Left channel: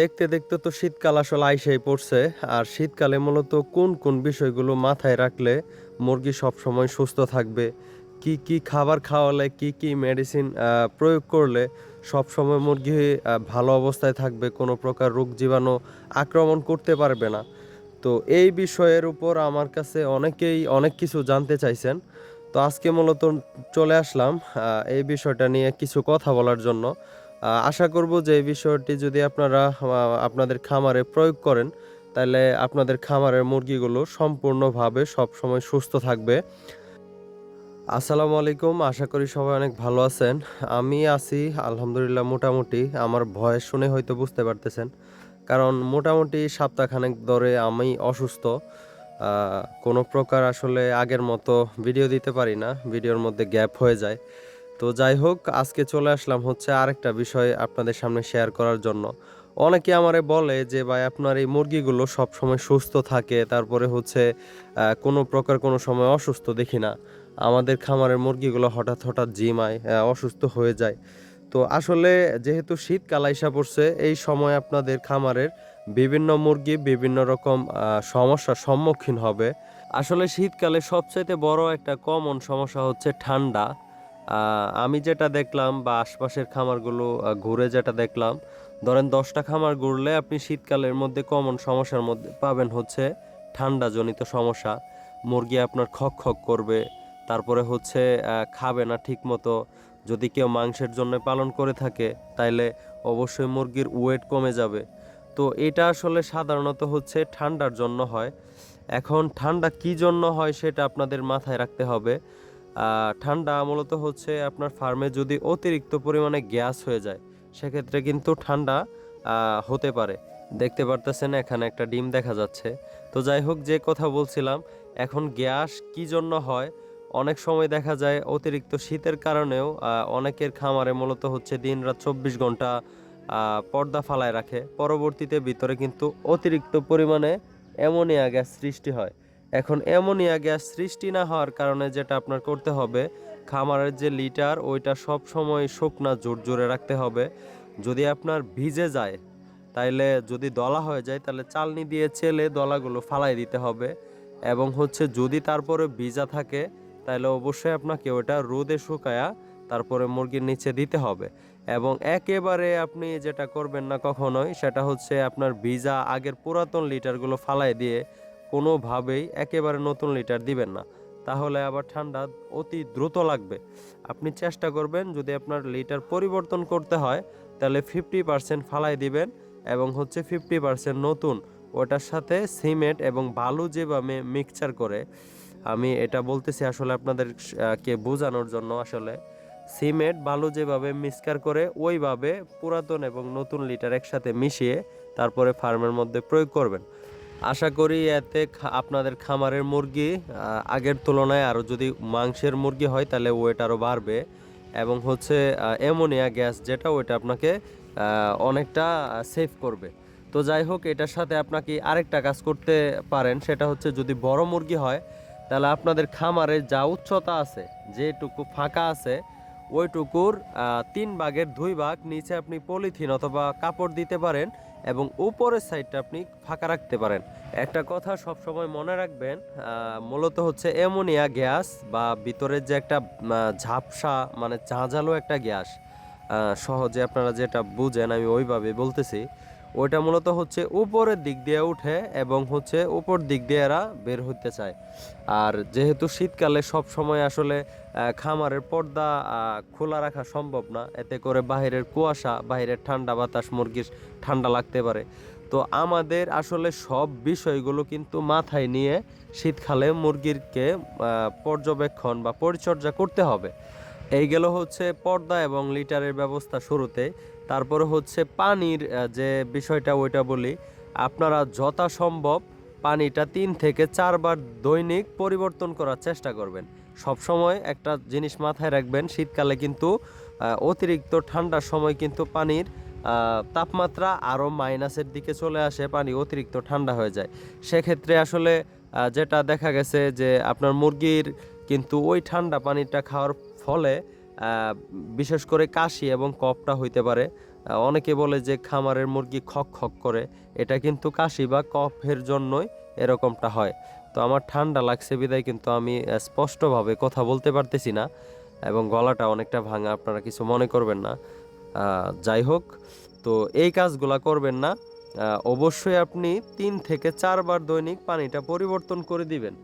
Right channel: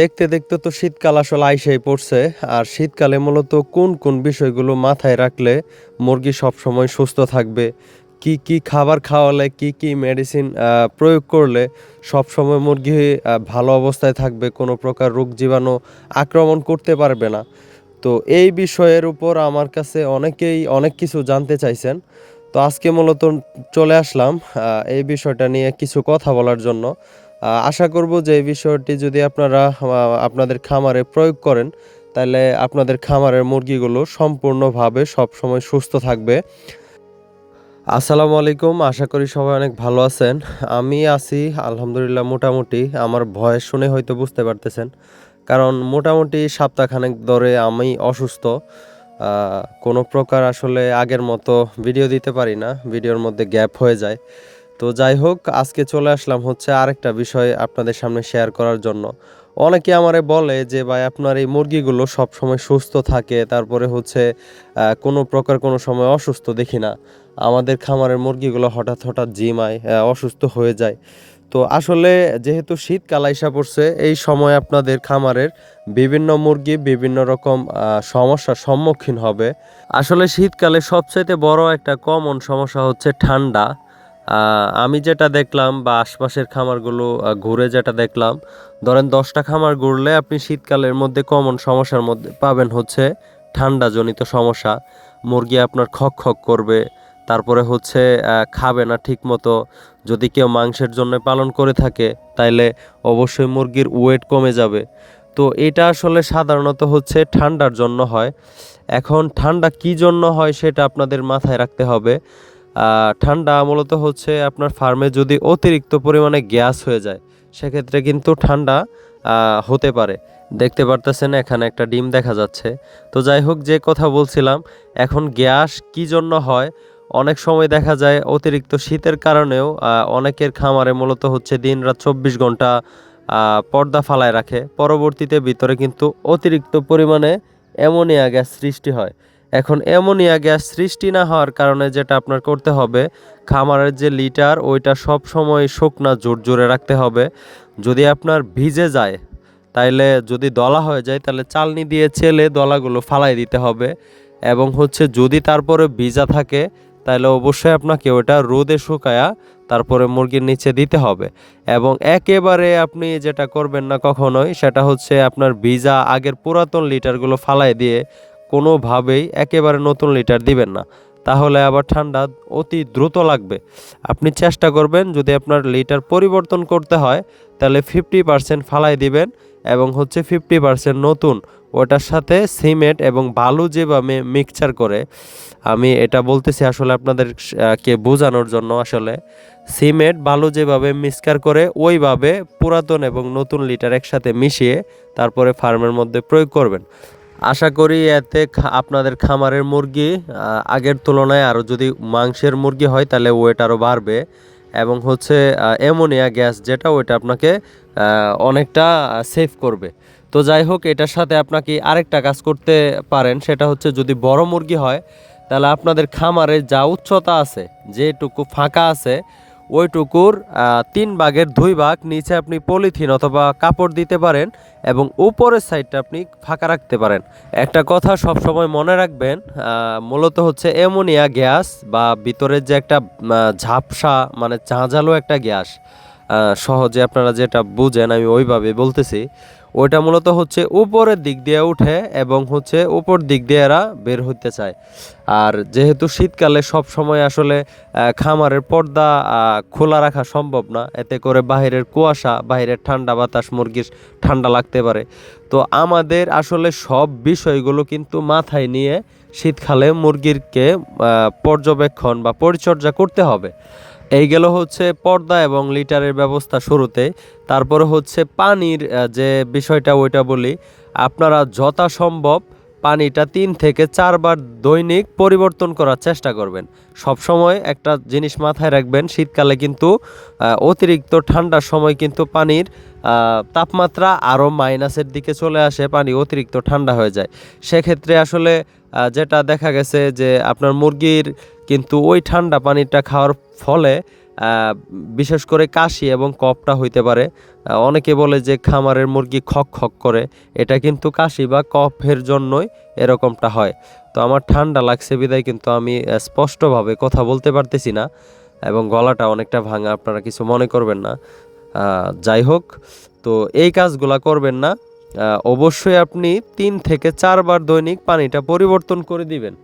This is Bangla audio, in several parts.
দেখতে দেখতে তো শীতকাল আসলে আইসাই পড়ছে। আর শীতকালে মূলত কোন কোন বিষয়গুলো মাথায় রাখলে মুরগি সবসময় সুস্থ থাকবে? কি কি খাবার খাওয়ালে, কি কি মেডিসিন প্রয়োগ করলে সবসময় মুরগি ভালো অবস্থায় থাকবে, কোনো প্রকার রোগ জীবাণু আক্রমণ করতে পারবে না? তো এই বিষয়ের উপর আমার কাছে অনেকেই অনেক কিছু জানতে চাইছেন। তো আজকে মূলত চলে আসলাম এই বিষয়টা নিয়ে কিছু কথা বলার জন্য। আশা করব যে এই বিষয়টি যদি আপনারা আপনাদের খামারে প্রয়োগ করেন, তাহলে আপনাদের খামারের মুরগিগুলো সম্পূর্ণভাবে সবসময় সুস্থ থাকবে। আসসালামু আলাইকুম, আশা করি সবাই অনেক ভালো আছেন। আমি আছি, আলহামদুলিল্লাহ মোটামুটি, আমার ভয়েস শুনে হয়তো বুঝতে পারতেছেন। কারণ মোটামুটি সপ্তাহখানেক ধরে আমি অসুস্থ। কোনো প্রকার আসলে আগের মতো ভিডিও দিতে পারি না, ভিডিওর মধ্যে গ্যাপ হয়ে যায়। তো যাই হোক, আজকে চলে আসলাম হচ্ছে আরেকটা বিষয় আপনাদের সামনে শেয়ার করার জন্য। অনেকে আমারে বলে যে, ভাই, আপনার এই মুরগিগুলো সব সময় সুস্থ থাকে, তারপরে হচ্ছে কোনো প্রকার কোনো সময় অসুস্থ দেখি না। আমাদের খামারের মুরগিগুলো হঠাৎ হঠাৎ জিমায় অসুস্থ হয়ে যায়। তো আসলে যেহেতু শীতকাল আইসা পড়ছে, এই সময় আপনাদের খামারের বিভিন্ন মুরগি বিভিন্ন রকম সমস্যার সম্মুখীন হবে। আসলে শীতকালে সবচাইতে বড় একটা কমন সমস্যা হচ্ছে ঠান্ডা। আমি যেটা দেখলাম বা আশপাশের খামারগুলো ঘুরে যেটা দেখলাম, ধরেন দশটা খামার ঘুরলে আপনি শীতকালের মধ্যে কমন সমস্যার মধ্যে পাবেন হচ্ছে ঠান্ডা জনিত সমস্যা। মুরগি আপনার খক খক করবে, তারপরে হচ্ছে খাবে না ঠিক মতো যদি কেউ মাংসের জন্য পালন করে থাকে, তাইলে অবশ্যই মুরগির ওয়েট কমে যাবে। তো এটা আসলে সাধারণত হচ্ছে ঠান্ডার জন্য হয়। এখন ঠান্ডা কি জন্য হয় সেটা আপনাদের মাথায় রাখতে হবে। ঠান্ডা মূলত হচ্ছে আপনার ফার্মে যদি অতিরিক্ত পরিমাণে গ্যাস হয়ে যায়, সেক্ষেত্রে কিন্তু ঠান্ডা হতে পারে। দেখতে পারতেছেন এখানে একটা ডিম দেখা যাচ্ছে। তো যাই হোক, যে কথা বলছিলাম, এখন গ্যাস কি জন্য হয়? অনেক সময় দেখা যায় অতিরিক্ত শীতের কারণেও অনেকের খামারে মূলত হচ্ছে দিন রাত চব্বিশ ঘণ্টা পর্দা ফালায় রাখে। পরবর্তীতে ভিতরে কিন্তু অতিরিক্ত পরিমাণে অ্যামোনিয়া গ্যাস সৃষ্টি হয়। এখন অ্যামোনিয়া গ্যাস সৃষ্টি না হওয়ার কারণে যেটা আপনার করতে হবে, খামারের যে লিটার, ওইটা সব সময় শুকনা, জোর জোরে রাখতে হবে। যদি আপনার ভিজে যায়, তাইলে যদি দলা হয়ে যায় তাহলে চালনি দিয়ে চেলে দলাগুলো ফালাই দিতে হবে। এবং হচ্ছে যদি তারপরে ভিজা থাকে তাহলে অবশ্যই আপনাকে ওটা রোদে শুকায়া তারপরে মুরগির নিচে দিতে হবে। এবং একেবারে আপনি যেটা করবেন না কখনোই, সেটা হচ্ছে আপনার ভিজা আগের পুরাতন লিটারগুলো ফালাই দিয়ে কোনোভাবেই একেবারে নতুন লিটার দিবেন না। তাহলে আবার ঠান্ডা অতি দ্রুত লাগবে। আপনি চেষ্টা করবেন যদি আপনার লিটার পরিবর্তন করতে হয় তাহলে ফিফটি পার্সেন্ট ফালাই দিবেন এবং হচ্ছে ফিফটি পার্সেন্ট নতুন। ওটার সাথে সিমেন্ট এবং বালু যেভাবে মিক্সচার করে আমি এটা বলতেছি আসলে আপনাদের আহ, কে বোঝানোর জন্য আসলে। সিমেন্ট বালু যেভাবে মিক্সচার করে ওইভাবে পুরাতন এবং নতুন লিটার একসাথে মিশিয়ে তারপরে ফার্মের মধ্যে প্রয়োগ করবেন। আশা করি এতে আপনাদের খামারের মুরগি আগের তুলনায় আরও যদি মাংসের মুরগি হয় তাহলে ওয়েট আরও বাড়বে। এবং হচ্ছে অ্যামোনিয়া গ্যাস যেটা, ওইটা আপনাকে অনেকটা সেভ করবে। তো যাই হোক, এটার সাথে আপনাকে আরেকটা কাজ করতে পারেন, সেটা হচ্ছে যদি বড় মুরগি হয়, তাহলে আপনাদের খামারে যা উচ্চতা আছে, যেটুকু ফাঁকা আছে, ওইটুকুর তিন ভাগের দুই ভাগ নিচে আপনি পলিথিন অথবা কাপড় দিতে পারেন। এবং উপরের সাইডটা আপনি ফাঁকা রাখতে পারেন। একটা কথা সব সময় মনে রাখবেন মূলত হচ্ছে অ্যামোনিয়া গ্যাস বা ভিতরের যে একটা ঝাপসা মানে চাঁজালো একটা গ্যাস সহজে আপনারা যেটা বুঝেন, আমি ওইভাবে বলতেছি। ওইটা মূলত হচ্ছে উপরের দিক দিয়ে উঠে এবং হচ্ছে উপর দিক দিয়ে এরা বের হতে চায়। আর যেহেতু শীতকালে সব সময় আসলে খামারের পর্দা খোলা রাখা সম্ভব না, এতে করে বাইরের কুয়াশা বাইরের ঠান্ডা বাতাস, মুরগির ঠান্ডা লাগতে পারে। তো আমাদের আসলে সব বিষয়গুলো কিন্তু মাথায় নিয়ে শীতকালে মুরগিরকে পর্যবেক্ষণ বা পরিচর্যা করতে হবে। এই গেল হচ্ছে পর্দা এবং লিটারের ব্যবস্থা শুরুতে। তারপরে হচ্ছে পানির যে বিষয়টা ওইটা বলি, আপনারা যথাসম্ভব পানিটা তিন থেকে চারবার দৈনিক পরিবর্তন করার চেষ্টা করবেন। সবসময় একটা জিনিস মাথায় রাখবেন, শীতকালে কিন্তু অতিরিক্ত ঠান্ডার সময় কিন্তু পানির তাপমাত্রা আরও মাইনাসের দিকে চলে আসে, পানি অতিরিক্ত ঠান্ডা হয়ে যায়। সেক্ষেত্রে আসলে যেটা দেখা গেছে যে আপনার মুরগির কিন্তু ওই ঠান্ডা পানিটা খাওয়ার ফলে বিশেষ করে কাশি এবং কফটা হইতে পারে। অনেকে বলে যে খামারের মুরগি খক খক করে, এটা কিন্তু কাশি বা কফের জন্যই এরকমটা হয়। তো আমার ঠান্ডা লাগছে বিদায়, কিন্তু আমি স্পষ্টভাবে কথা বলতে পারতেছি না এবং গলাটা অনেকটা ভাঙা, আপনারা কিছু মনে করবেন না। যাই হোক, তো এই কাজগুলা করবেন না। অবশ্যই আপনি তিন থেকে চারবার দৈনিক পানিটা পরিবর্তন করে দিবেন।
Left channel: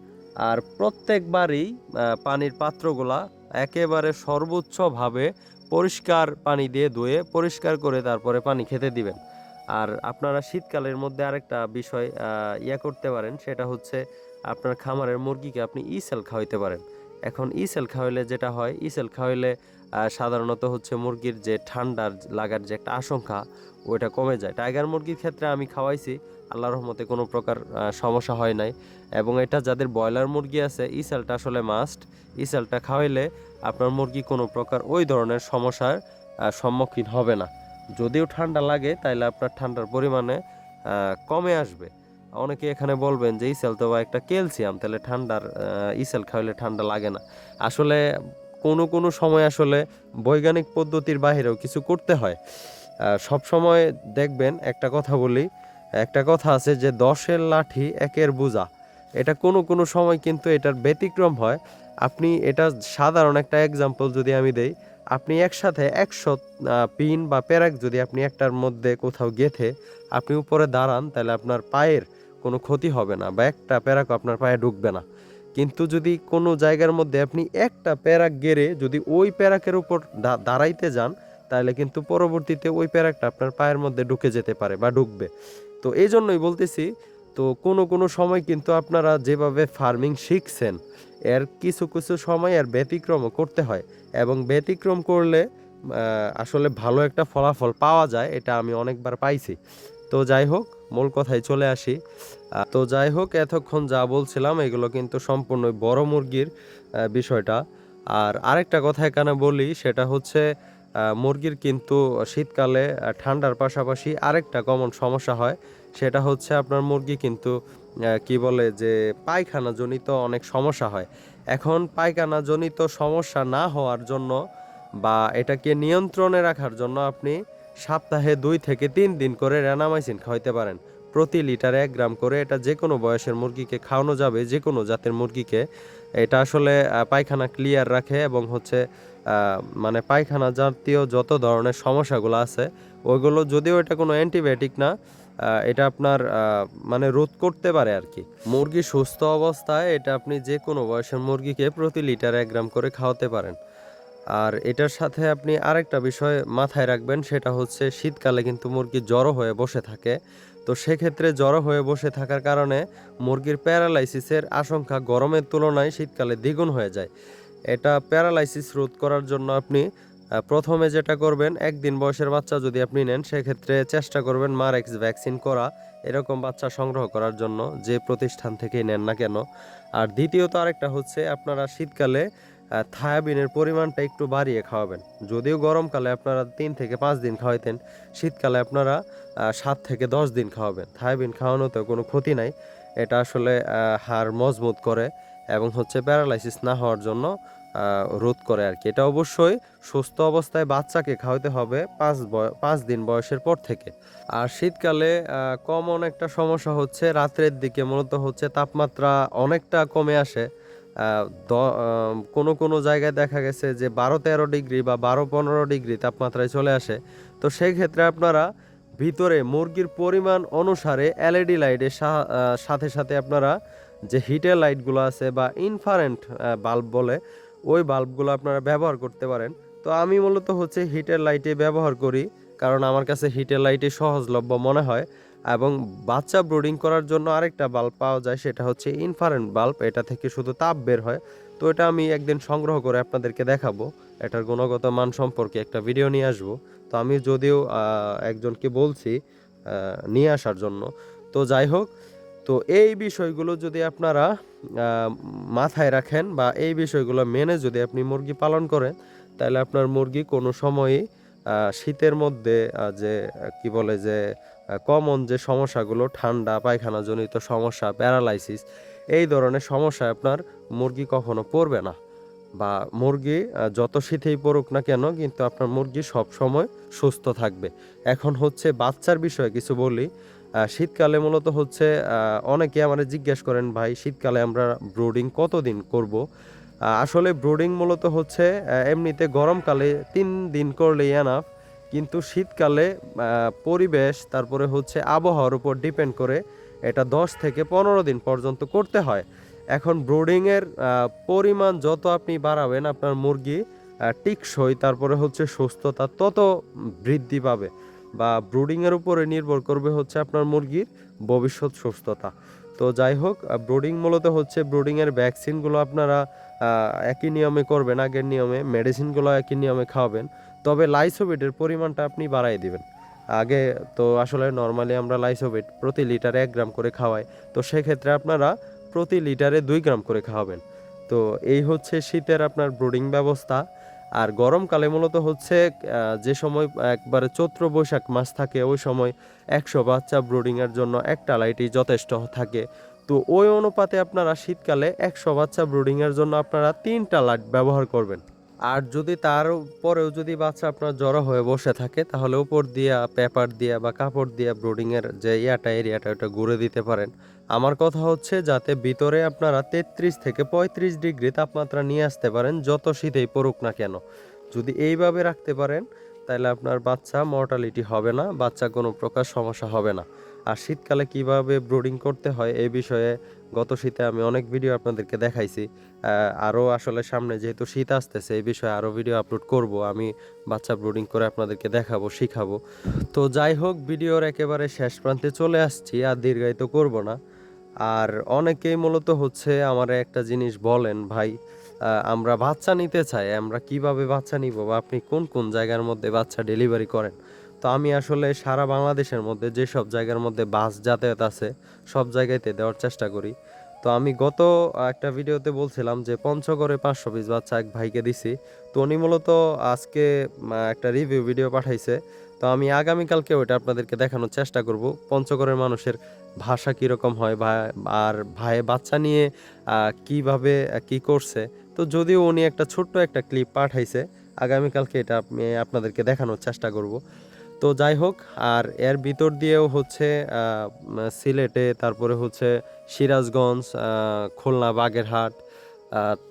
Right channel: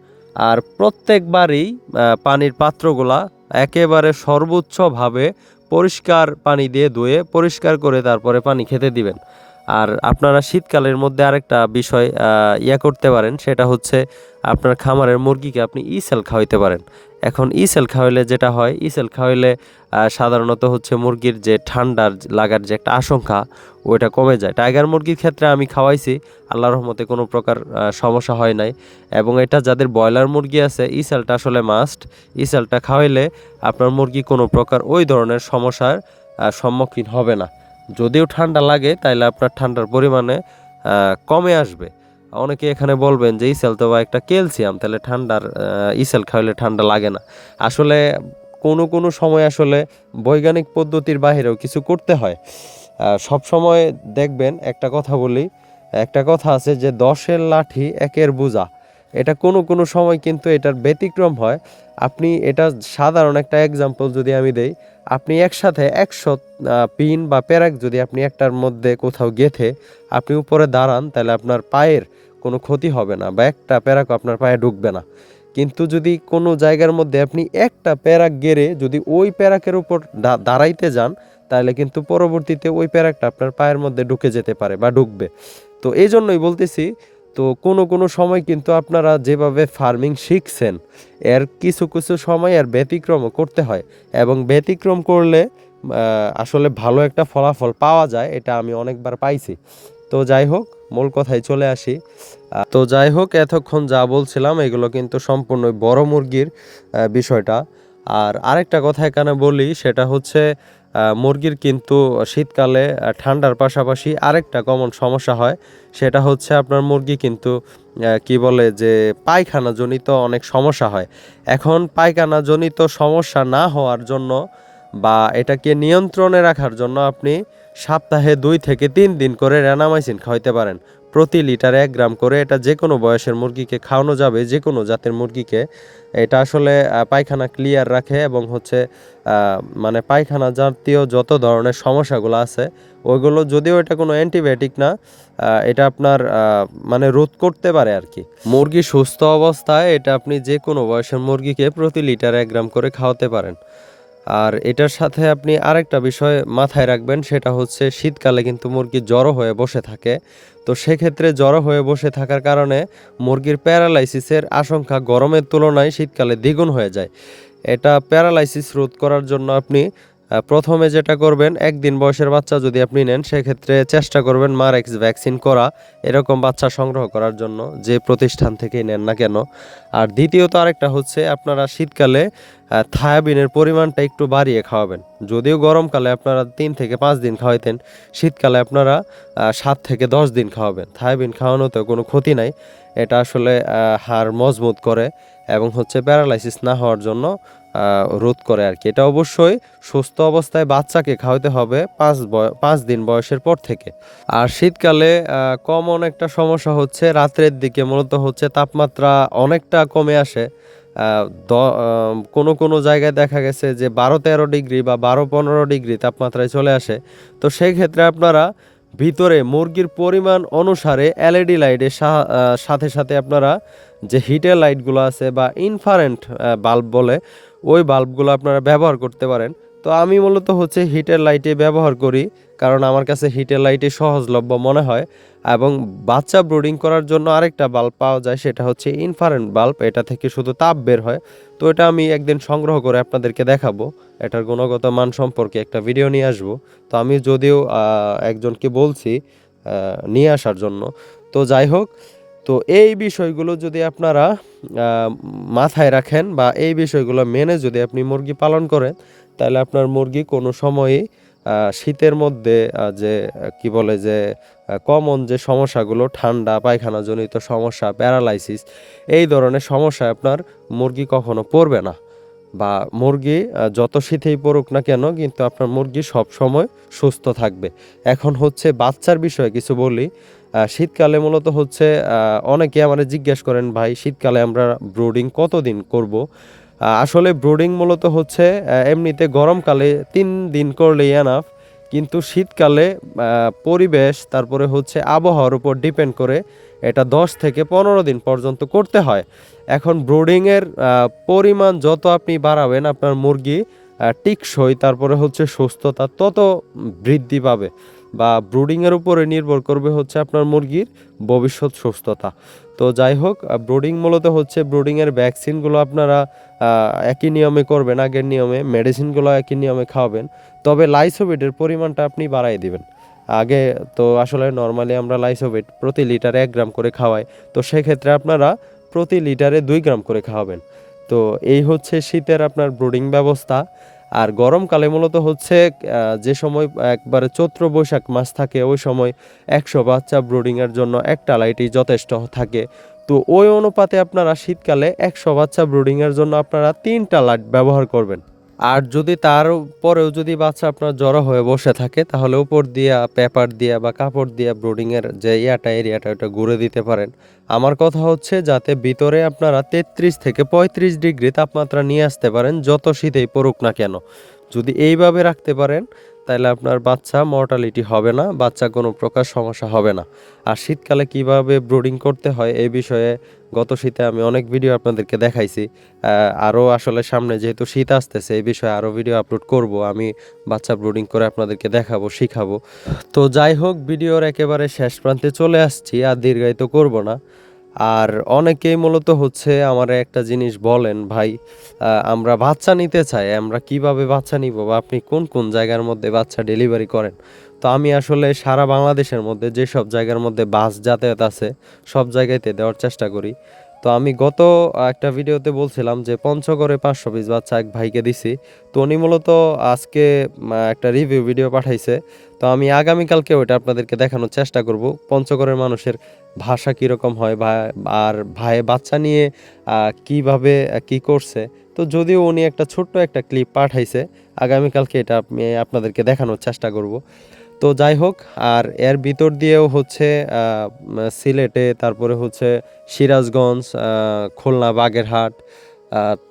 আর প্রত্যেকবারই পানির পাত্রগুলা একেবারে সর্বোচ্চভাবে পরিষ্কার পানি দিয়ে ধুয়ে পরিষ্কার করে তারপরে পানি খেতে দিবেন। আর আপনারা শীতকালের মধ্যে আরেকটা বিষয় ইয়া করতে পারেন, সেটা হচ্ছে আপনার খামারের মুরগিকে আপনি ইসেল খাওয়াইতে পারেন। এখন ইসেল খাওয়াইলে যেটা হয় ইসেল খাওয়াইলে সাধারণত হচ্ছে মুরগির যে ঠান্ডার লাগার যে একটা আশঙ্কা, ওইটা কমে যায়। টাইগার মুরগির ক্ষেত্রে আমি খাওয়াইছি আল্লাহ রহমতে কোনো প্রকার সমস্যা হয় নাই। এবং এটা যাদের ব্রয়লার মুরগি আছে ইসেলটা আসলে মাস্ট ইসেলটা খাওয়াইলে আপনার মুরগি কোনো প্রকার ওই ধরনের সমস্যার সম্মুখীন হবে না। যদিও ঠান্ডা লাগে, তাইলে আপনার ঠান্ডার পরিমাণে কমে আসবে। অনেকে এখানে বলবেন যে, ইসেল তো বা একটা ক্যালসিয়াম, তাহলে ঠান্ডার ইসেল খাওয়াইলে ঠান্ডা লাগে না। আসলে কোনো কোনো সময় আসলে বৈজ্ঞানিক পদ্ধতির বাইরেও কিছু করতে হয়। সব সময় দেখবেন, একটা কথা বলি, একটা কথা আছে যে, দশের লাঠি একের বোঝা। এটা কোনো কোনো সময় কিন্তু এটার ব্যতিক্রম হয়। আপনি এটা সাধারণ একটা এক্সাম্পল যদি আমি দেই, আপনি একসাথে একশো পিন বা প্যারাক যদি আপনি একটার মধ্যে কোথাও গেথে আপনি উপরে দাঁড়ান, তাহলে আপনার পায়ের কোনো ক্ষতি হবে না বা একটা প্যারাক আপনার পায়ে ঢুকবে না। কিন্তু যদি কোনো জায়গার মধ্যে আপনি একটা প্যারাক গেড়ে যদি ওই প্যারাকের উপর দাঁড়াইতে যান, তাহলে কিন্তু পরবর্তীতে ওই প্যারাকটা আপনার পায়ের মধ্যে ঢুকে যেতে পারে বা ঢুকবে। তো এই জন্যই বলতেছি, তো কোনো কোনো সময় কিন্তু আপনারা যেভাবে ফার্মিং শিখছেন, এর কিছু কিছু সময় এর ব্যতিক্রমও করতে হয় এবং ব্যতিক্রম করলে আসলে ভালো একটা ফলাফল পাওয়া যায়, এটা আমি অনেকবার পাইছি। তো যাই হোক, মূল কথায় চলে আসি। তো যাই হোক, এতক্ষণ যা বলছিলাম, এগুলো কিন্তু সম্পূর্ণ বড় মুরগির বিষয়টা। আর আরেকটা কথা এখানে বলি, সেটা হচ্ছে মুরগির কিন্তু শীতকালে ঠান্ডার পাশাপাশি আরেকটা কমন সমস্যা হয়, সেটা হচ্ছে আপনার মুরগি কিন্তু কি বলে যে পায়খানা জনিত অনেক সমস্যা হয়। এখন পায়খানা জনিত সমস্যা না হওয়ার জন্য বা এটাকে নিয়ন্ত্রণে রাখার জন্য আপনি সপ্তাহে দুই থেকে তিন দিন করে র্যানামাইসিন খাওয়াইতে পারেন। প্রতি লিটারে এক গ্রাম করে এটা যে কোনো বয়সের মুরগিকে খাওয়ানো যাবে যে কোনো জাতের মুরগিকে। এটা আসলে পায়খানা ক্লিয়ার রাখে এবং হচ্ছে মানে পায়খানা জাতীয় যত ধরনের সমস্যাগুলো আছে, ওইগুলো যদিও এটা কোনো অ্যান্টিবায়োটিক না এটা আপনার মানে রোধ করতে পারে আর কি। মুরগি সুস্থ অবস্থায় এটা আপনি যে কোনো বয়সের মুরগিকে প্রতি লিটার এক গ্রাম করে খাওয়াতে পারেন। আর এটার সাথে আপনি আরেকটা বিষয় মাথায় রাখবেন, সেটা হচ্ছে শীতকালে কিন্তু মুরগি জড়ো হয়ে বসে থাকে। তো সেক্ষেত্রে জড়ো হয়ে বসে থাকার কারণে মুরগির প্যারালাইসিসের আশঙ্কা গরমের তুলনায় শীতকালে দ্বিগুণ হয়ে যায়। এটা প্যারালাইসিস রোধ করার জন্য আপনি প্রথমে যেটা করবেন, একদিন বয়সের বাচ্চা যদি আপনি নেন, সেক্ষেত্রে চেষ্টা করবেন মারেক্স ভ্যাকসিন করা, এরকম বাচ্চা সংগ্রহ করার জন্য যে প্রতিষ্ঠান থেকেই নেন না কেন। আর দ্বিতীয়ত আরেকটা হচ্ছে, আপনারা শীতকালে থায়াবিনের পরিমাণটা একটু বাড়িয়ে খাওয়াবেন। যদিও গরমকালে আপনারা তিন থেকে পাঁচ দিন খাওয়াইতেন, শীতকালে আপনারা সাত থেকে দশ দিন খাওয়াবেন। থায়াবিন খাওয়ানোতে কোনো ক্ষতি নাই। এটা আসলে হাড় মজবুত করে এবং হচ্ছে প্যারালাইসিস না হওয়ার জন্য রোধ করে আর কি। এটা অবশ্যই সুস্থ অবস্থায় বাচ্চাকে খাওয়াতে হবে পাঁচ পাঁচ দিন বয়সের পর থেকে। আর শীতকালে কমন একটা সমস্যা হচ্ছে রাত্রের দিকে মূলত হচ্ছে তাপমাত্রা অনেকটা কমে আসে। কোনো কোনো জায়গায় দেখা গেছে যে বারো তেরো ডিগ্রি বা বারো পনেরো ডিগ্রি তাপমাত্রায় চলে আসে। তো সেই ক্ষেত্রে আপনারা ভিতরে মুরগির পরিমাণ অনুসারে এলইডি লাইটের সাথে সাথে আপনারা যে হিটের লাইটগুলো আছে বা ইনফারেন্ট বাল্ব বলে ওই বাল্বগুলো আপনারা ব্যবহার করতে পারেন। তো আমি মূলত হচ্ছে হিটের লাইটে ব্যবহার করি, কারণ আমার কাছে হিটের লাইটে সহজলভ্য মনে হয় এবং বাচ্চা ব্রুডিং করার জন্য আরেকটা বাল্ব পাওয়া যায়, সেটা হচ্ছে ইনফারেন্ট বাল্ব। এটা থেকে শুধু তাপ বের হয়। তো এটা আমি একদিন সংগ্রহ করে আপনাদেরকে দেখাবো। এটার গুণগত মান সম্পর্কে একটা ভিডিও নিয়ে আসব। তো আমি যদিও একজনকে বলছি নিয়ে আসার জন্য। তো যাই হোক তো এই বিষয়গুলো যদি আপনারা মাথায় রাখেন বা এই বিষয়গুলো মেনে যদি আপনি মুরগি পালন করেন, তাহলে আপনার মুরগি কোনো সময়ই শীতের মধ্যে যে, কি বলে যে কমন যে সমস্যাগুলো, ঠান্ডা, পায়খানাজনিত সমস্যা প্যারালাইসিস এই ধরনের সমস্যা আপনার মুরগি কখনো পড়বে না। বা মুরগি যত শীতেই পড়ুক না কেন, কিন্তু আপনার মুরগি সব সময় সুস্থ থাকবে। এখন হচ্ছে বাচ্চার বিষয়ে কিছু বলি। শীতকালে মূলত হচ্ছে অনেকে আমাদের জিজ্ঞেস করেন, ভাই, শীতকালে আমরা ব্রুডিং কতদিন করব? আসলে ব্রুডিং মূলত হচ্ছে এমনিতে গরমকালে তিন দিন করলেই এনাফ কিন্তু শীতকালে পরিবেশ, তারপরে হচ্ছে আবহাওয়ার উপর ডিপেন্ড করে এটা দশ থেকে পনেরো দিন পর্যন্ত করতে হয়। এখন ব্রুডিংয়ের পরিমাণ যত আপনি বাড়াবেন আপনার মুরগি টিকসই, তারপরে হচ্ছে সুস্থতা তত বৃদ্ধি পাবে। বা ব্রুডিংয়ের উপরে নির্ভর করবে হচ্ছে আপনার মুরগির ভবিষ্যৎ সুস্থতা। তো যাই হোক ব্রুডিং মূলত হচ্ছে ব্রুডিংয়ের ভ্যাকসিনগুলো আপনারা একই নিয়মে করবেন, আগের নিয়মে মেডিসিনগুলো একই নিয়মে খাওয়াবেন। তবে লাইসোবিটের পরিমাণটা আপনি বাড়াই দিবেন। আগে তো আসলে নর্মালি আমরা লাইসোবিট প্রতি লিটারে এক গ্রাম করে খাওয়াই। তো সেক্ষেত্রে আপনারা প্রতি লিটারে দুই গ্রাম করে খাওয়াবেন। তো এই হচ্ছে শীতের আপনার ব্রুডিং ব্যবস্থা। আর গরমকালে মূলত হচ্ছে যে সময় একবারে চৈত্র বৈশাখ মাস থাকে, ওই সময় একশো বাচ্চা ব্রুডিংয়ের জন্য একটা লাইটই যথেষ্ট থাকে। তো ওই অনুপাতে আপনারা শীতকালে একশো বাচ্চা ব্রুডিংয়ের জন্য আপনারা তিনটা লাইট ব্যবহার করবেন। আর যদি তার পরেও যদি বাচ্চা আপনার জড়ো হয়ে বসে থাকে, তাহলে উপর দিয়া পেপার দিয়া বা কাপড় দিয়া ব্রুডিংয়ের যে ইয়াটা, এরিয়াটা, ওটা ঘুরে দিতে পারেন। আমার কথা হচ্ছে যাতে ভিতরে আপনারা তেত্রিশ থেকে পঁয়ত্রিশ ডিগ্রি তাপমাত্রা নিয়ে আসতে পারেন, যত শীতেই পড়ুক না কেন। যদি এইভাবে রাখতে পারেন তাহলে আপনার বাচ্চা মর্টালিটি হবে না, বাচ্চা কোনো প্রকার সমস্যা হবে না। আর শীতকালে কীভাবে ব্রুডিং করতে হয় এই বিষয়ে গত শীতে আমি অনেক ভিডিও আপনাদেরকে দেখাইছি। আরও আসলে সামনে যেহেতু শীত আসতেছে, এই বিষয়ে আরও ভিডিও আপলোড করব, আমি বাচ্চা ব্রুডিং করে আপনাদেরকে দেখাবো, শিখাবো। তো যাই হোক ভিডিওর একেবারে শেষ প্রান্তে চলে আসছি, আর দীর্ঘায়িত করব না। আর অনেকেই মূলত হচ্ছে আমার একটা জিনিস বলেন, ভাই আমরা বাচ্চা নিতে চাই, আমরা কীভাবে বাচ্চা নিব বা আপনি কোন কোন জায়গার মধ্যে বাচ্চা ডেলিভারি করেন? তো আমি আসলে সারা বাংলাদেশের মধ্যে যেসব জায়গার মধ্যে বাস যাতায়াত আছে, সব জায়গাতে দেওয়ার চেষ্টা করি। তো আমি গত একটা ভিডিওতে বলছিলাম যে পঞ্চগড়ে পাঁচশো পিস বাচ্চা এক ভাইকে দিছি। তো উনি মূলত আজকে একটা রিভিউ ভিডিও পাঠাইছে। তো আমি আগামীকালকে ওইটা আপনাদেরকে দেখানোর চেষ্টা করব। পঞ্চগড়ের মানুষের ভাষা কীরকম হয় বা, আর ভাই বাচ্চা নিয়ে কীভাবে কি করছে? তো যদিও উনি একটা ছোট্ট একটা ক্লিপ পাঠাইছে, আগামীকালকে এটা আপনাদেরকে দেখানোর চেষ্টা করব। তো যাই হোক, আর এর ভিতর দিয়েও হচ্ছে সিলেটে, তারপরে হচ্ছে সিরাজগঞ্জ খুলনা, বাগেরহাট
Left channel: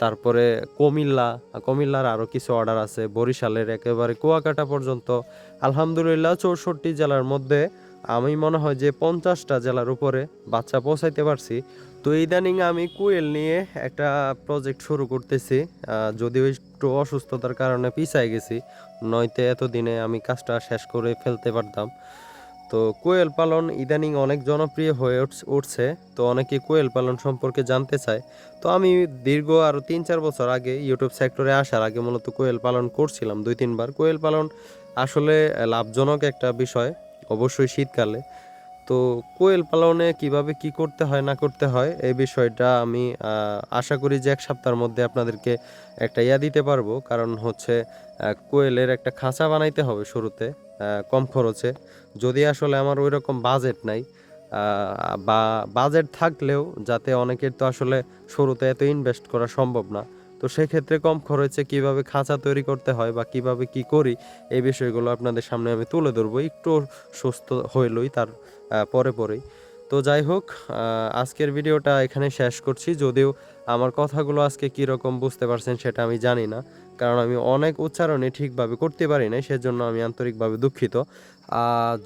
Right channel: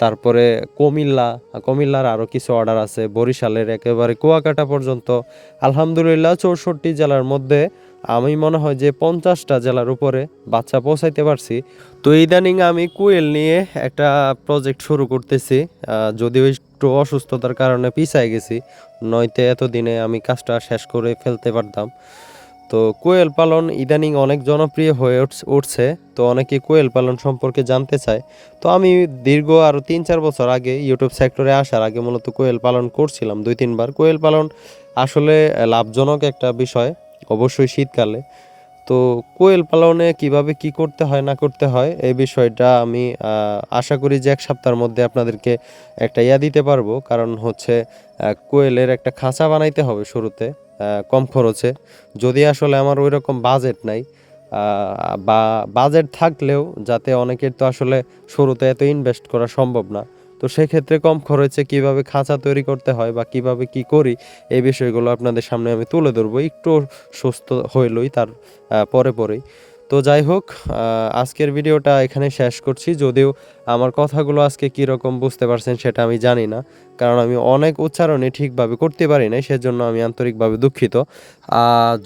তারপরে কুমিল্লা, কুমিল্লার আরও কিছু অর্ডার আছে, বরিশালের একেবারে কুয়াকাটা পর্যন্ত। আলহামদুলিল্লাহ, চৌষট্টি জেলার মধ্যে আমি মনে হয় যে পঞ্চাশটা জেলার উপরে বাচ্চা পৌঁছাইতে পারছি। তো ইদানিং আমি কুয়েল নিয়ে একটা প্রজেক্ট শুরু করতেছি। যদিও একটু অসুস্থতার কারণে পিছায় গেছি, নয়তো এতদিনে আমি কাজটা শেষ করে ফেলতে পারতাম। তো কোয়েল পালন ইদানিং অনেক জনপ্রিয় হয়ে উঠছে, তো অনেকে কোয়েল পালন সম্পর্কে জানতে চায়। তো আমি দীর্ঘ আরও তিন চার বছর আগে ইউটিউব সেক্টরে আসার আগে মূলত কোয়েল পালন করছিলাম দুই তিনবার কোয়েল পালন আসলে লাভজনক একটা বিষয়। অবশ্যই শীতকালে। তো কোয়েল পালনে কীভাবে কি করতে হয়, না করতে হয়, এই বিষয়টা আমি আশা করি যে এক সপ্তাহের মধ্যে আপনাদেরকে একটা ইয়া দিতে পারব। কারণ হচ্ছে কোয়েলের একটা খাঁচা বানাইতে হবে শুরুতে কম খরচে। যদি আসলে আমার ওই রকম বাজেট নাই বা বাজেট থাকলেও যাতে অনেকের তো আসলে শুরুতে এত ইনভেস্ট করা সম্ভব না। তো সেক্ষেত্রে কম খরচে কীভাবে খাঁচা তৈরি করতে হয় বা কীভাবে কি করি, এই বিষয়গুলো আপনাদের সামনে আমি তুলে ধরবো। একটু সুস্থ হইলই তার পরে পরেই। তো যাই হোক আজকের ভিডিওটা এখানে শেষ করছি। যদিও আমার কথাগুলো আজকে কীরকম বুঝতে পারছেন সেটা আমি জানি না, কারণ আমি অনেক উচ্চারণে ঠিকভাবে করতে পারি না সেজন্য আমি আন্তরিকভাবে দুঃখিত।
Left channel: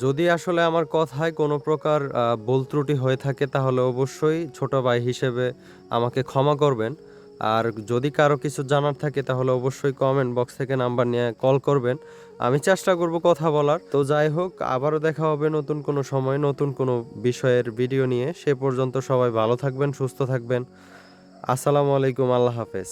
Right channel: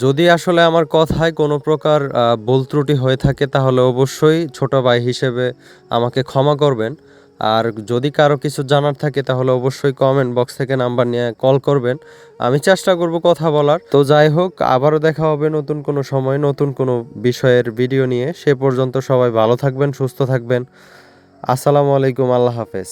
যদি আসলে আমার কথায় কোনো প্রকার ভুল ত্রুটি হয়ে থাকে, তাহলে অবশ্যই ছোট ভাই হিসেবে আমাকে ক্ষমা করবেন। আর যদি কারও কিছু জানার থাকে, তাহলে অবশ্যই কমেন্ট বক্স থেকে নাম্বার নিয়ে কল করবেন। আমি চেষ্টা করব কথা বলার। তো যাই হোক, আবারও দেখা হবে নতুন কোনো সময়, নতুন কোনো বিষয়ের ভিডিও নিয়ে। সে পর্যন্ত সবাই ভালো থাকবেন, সুস্থ থাকবেন। আসসালামু আলাইকুম, আল্লাহ হাফেজ।